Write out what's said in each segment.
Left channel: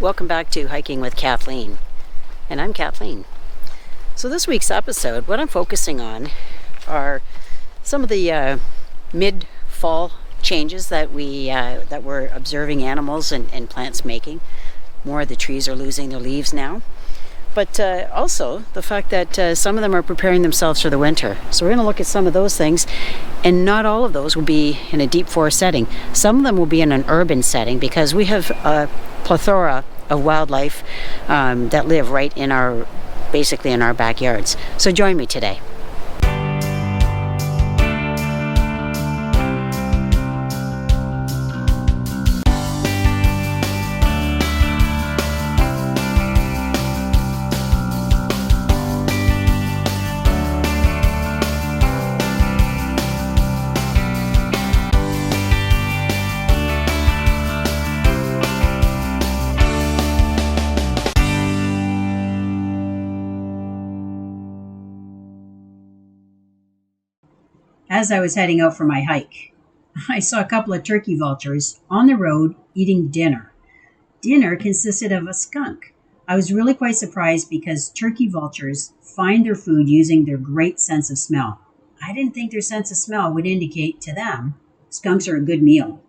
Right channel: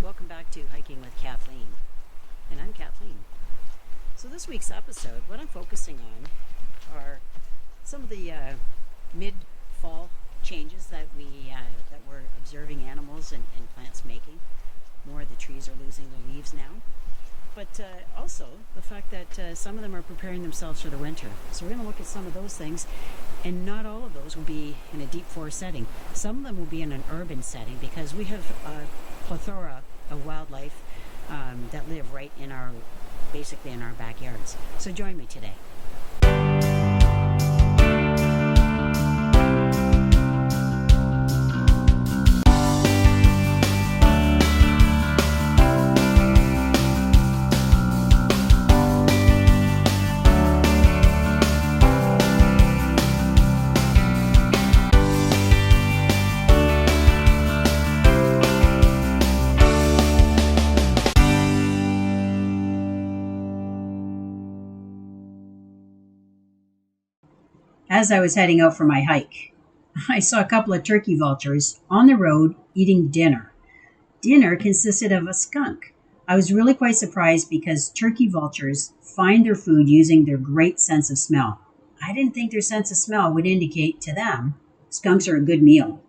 Welcome back to Hiking with Kathleen, and I'm Kathleen. So this week's episode, what I'm focusing on are some of the mid-fall changes that we're observing animals and plants making. More of the trees are losing their leaves now, but also the fact that some of them are preparing themselves for the winter. So we're going to look at some of those things, and not all of those will be in a deep forest setting. Some of them will be in an urban setting because we have a plethora of wildlife that live right in basically in our backyards. So join me today. As I was heading out for my hike, I saw a couple of turkey vultures on the road eating dinner. Dinner consisted of a skunk. I was really quite surprised because turkey vultures find their food using their great sense of smell. I didn't think their sense of smell would indicate to them skunks are a good meal.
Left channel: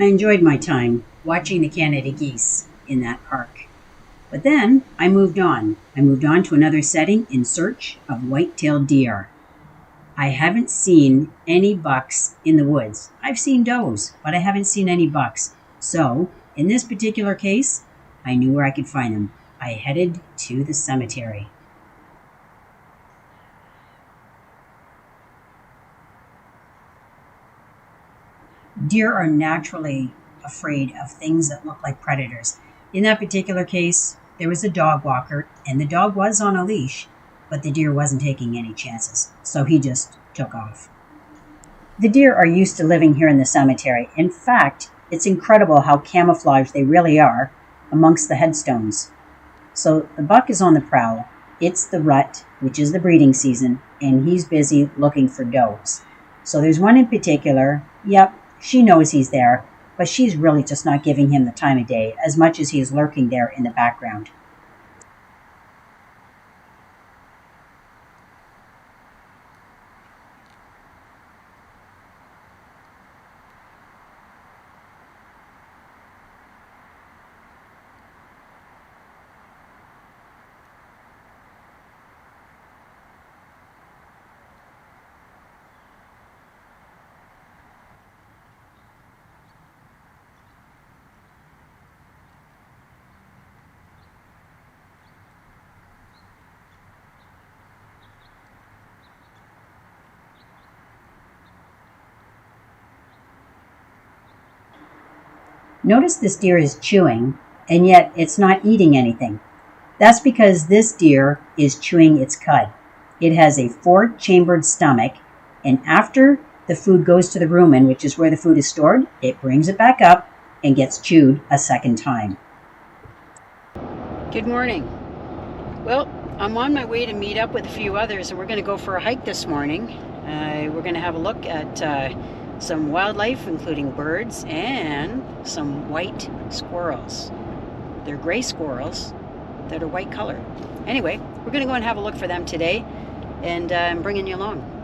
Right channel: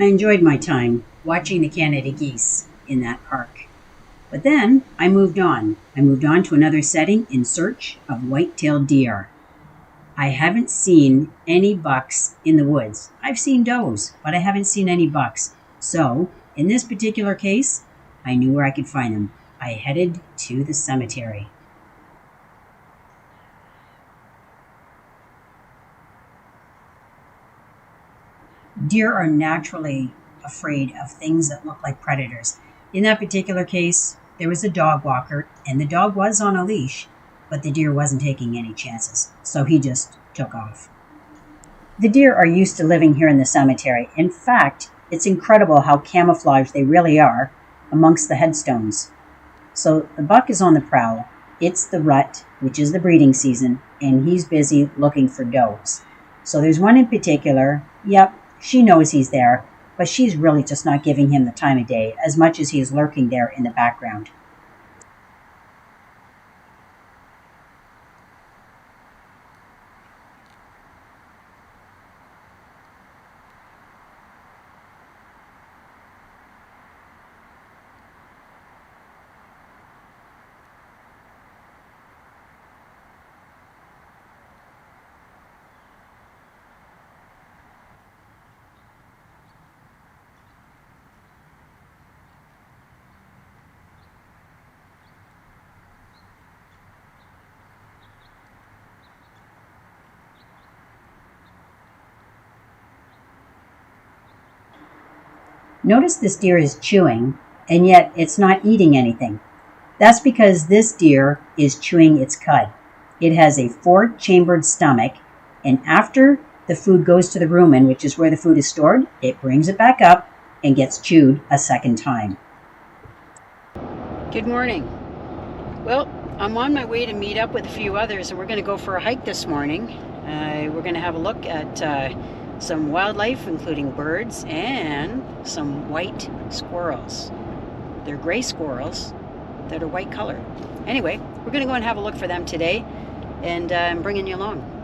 I enjoyed my time watching the Canada Geese in that park. But then I moved on. I moved on to another setting in search of white-tailed deer. I haven't seen any bucks in the woods. I've seen does, but I haven't seen any bucks. So, in this particular case, I knew where I could find them. I headed to the cemetery. Deer are naturally afraid of things that look like predators. In that particular case, there was a dog walker, and the dog was on a leash, but the deer wasn't taking any chances, so he just took off. The deer are used to living here in the cemetery. In fact, it's incredible how camouflaged they really are amongst the headstones. So the buck is on the prowl. It's the rut, which is the breeding season, and he's busy looking for does. So there's one in particular. Yep, she knows he's there, but she's really just not giving him the time of day as much as he is lurking there in the background. Notice this deer is chewing, and yet it's not eating anything. That's because this deer is chewing its cud. It has a four-chambered stomach, and after the food goes to the rumen, which is where the food is stored, it brings it back up and gets chewed a second time. Good morning. Well, I'm on my way to meet up with a few others, and we're going to go for a hike this morning. We're going to have a look at some wildlife, including birds and some white squirrels. They're gray squirrels that are white colored. Anyway, we're going to go and have a look for them today, and I'm bringing you along.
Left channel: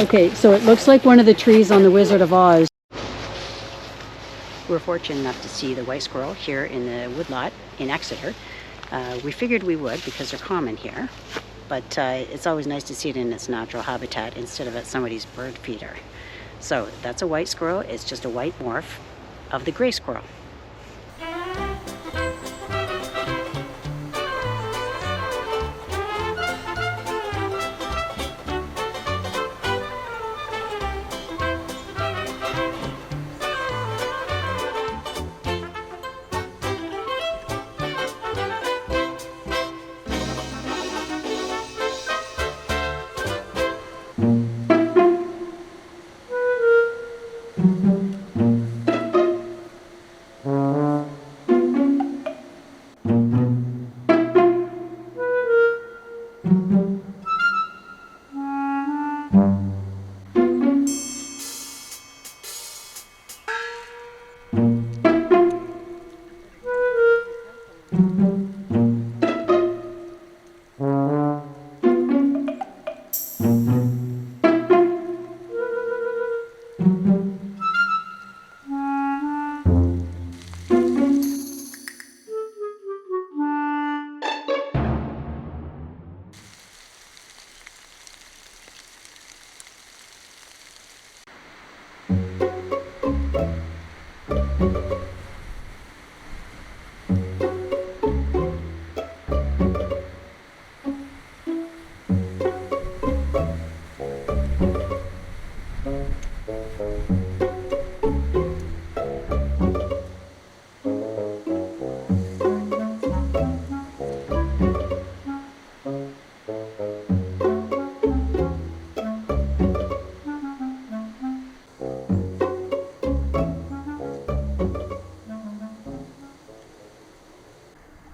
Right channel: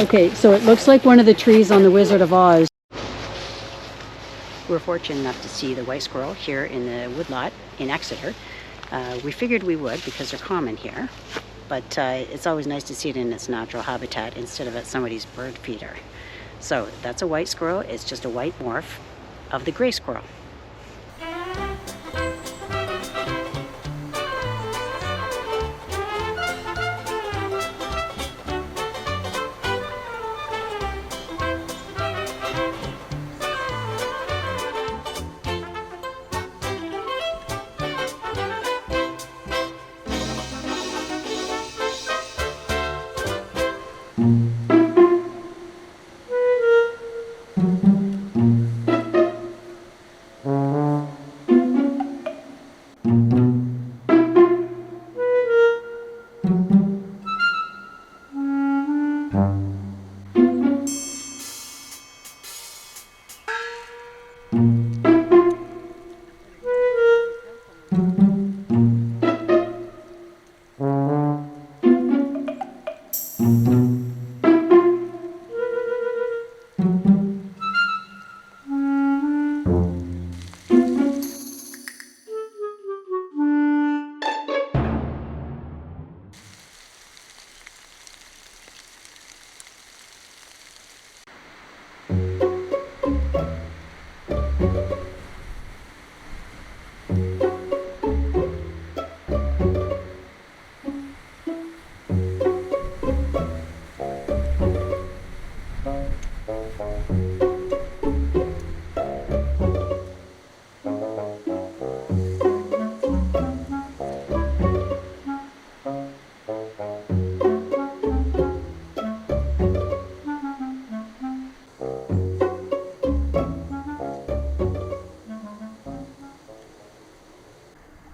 Okay, so it looks like one of the trees on the Wizard of Oz. We're fortunate enough to see the white squirrel here in the woodlot in Exeter. We figured we would because they're common here, but it's always nice to see it in its natural habitat instead of at somebody's bird feeder. So that's a white squirrel. It's just a white morph of the gray squirrel.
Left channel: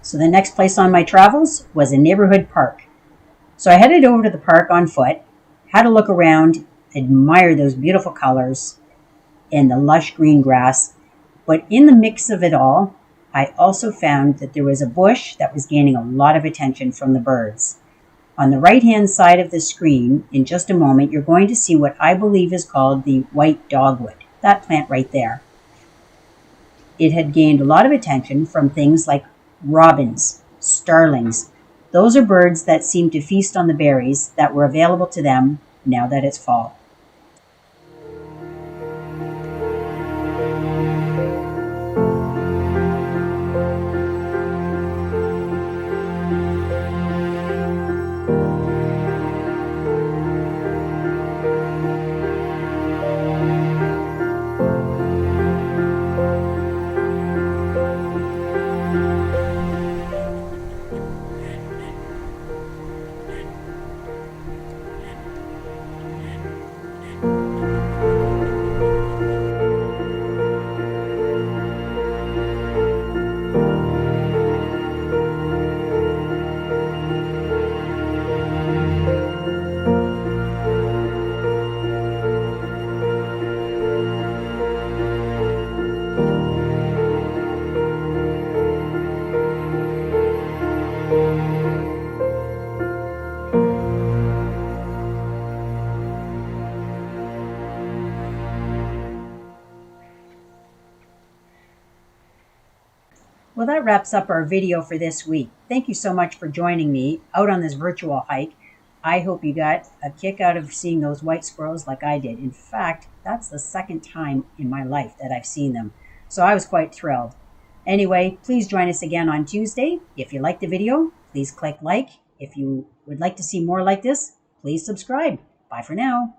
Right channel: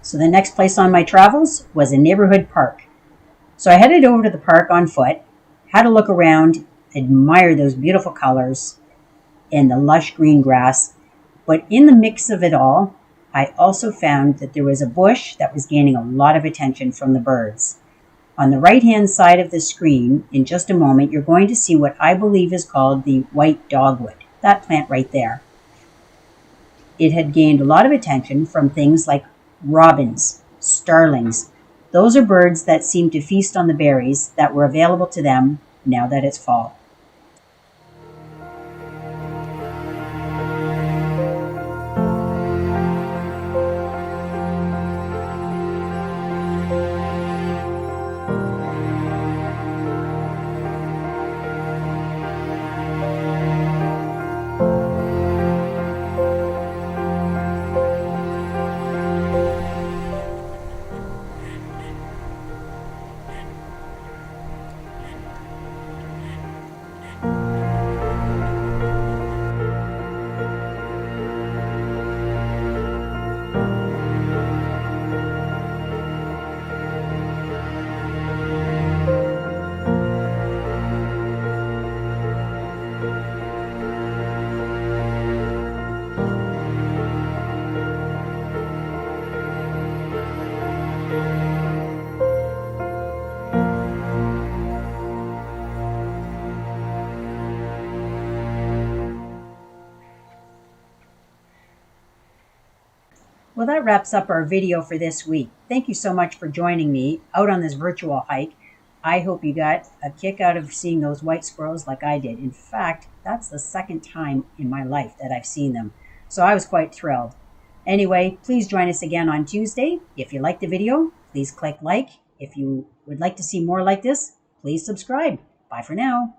So the next place on my travels was a neighborhood park. So I headed over to the park on foot, had a look around, admired those beautiful colors and the lush green grass. But in the mix of it all, I also found that there was a bush that was gaining a lot of attention from the birds. On the right-hand side of the screen, in just a moment, you're going to see what I believe is called the white dogwood, that plant right there. It had gained a lot of attention from things like robins, starlings. Those are birds that seem to feast on the berries that were available to them now that it's fall. Well, that wraps up our video for this week. Thank you so much for joining me out on this virtual hike. I hope you got a kick out of seeing those white squirrels like I did. In fact, that's the second time in my life that I've seen them. So I was quite thrilled. Anyway, please join us again on Tuesday. If you liked the video, please click like. If you would like to see more like this, please subscribe. Bye for now.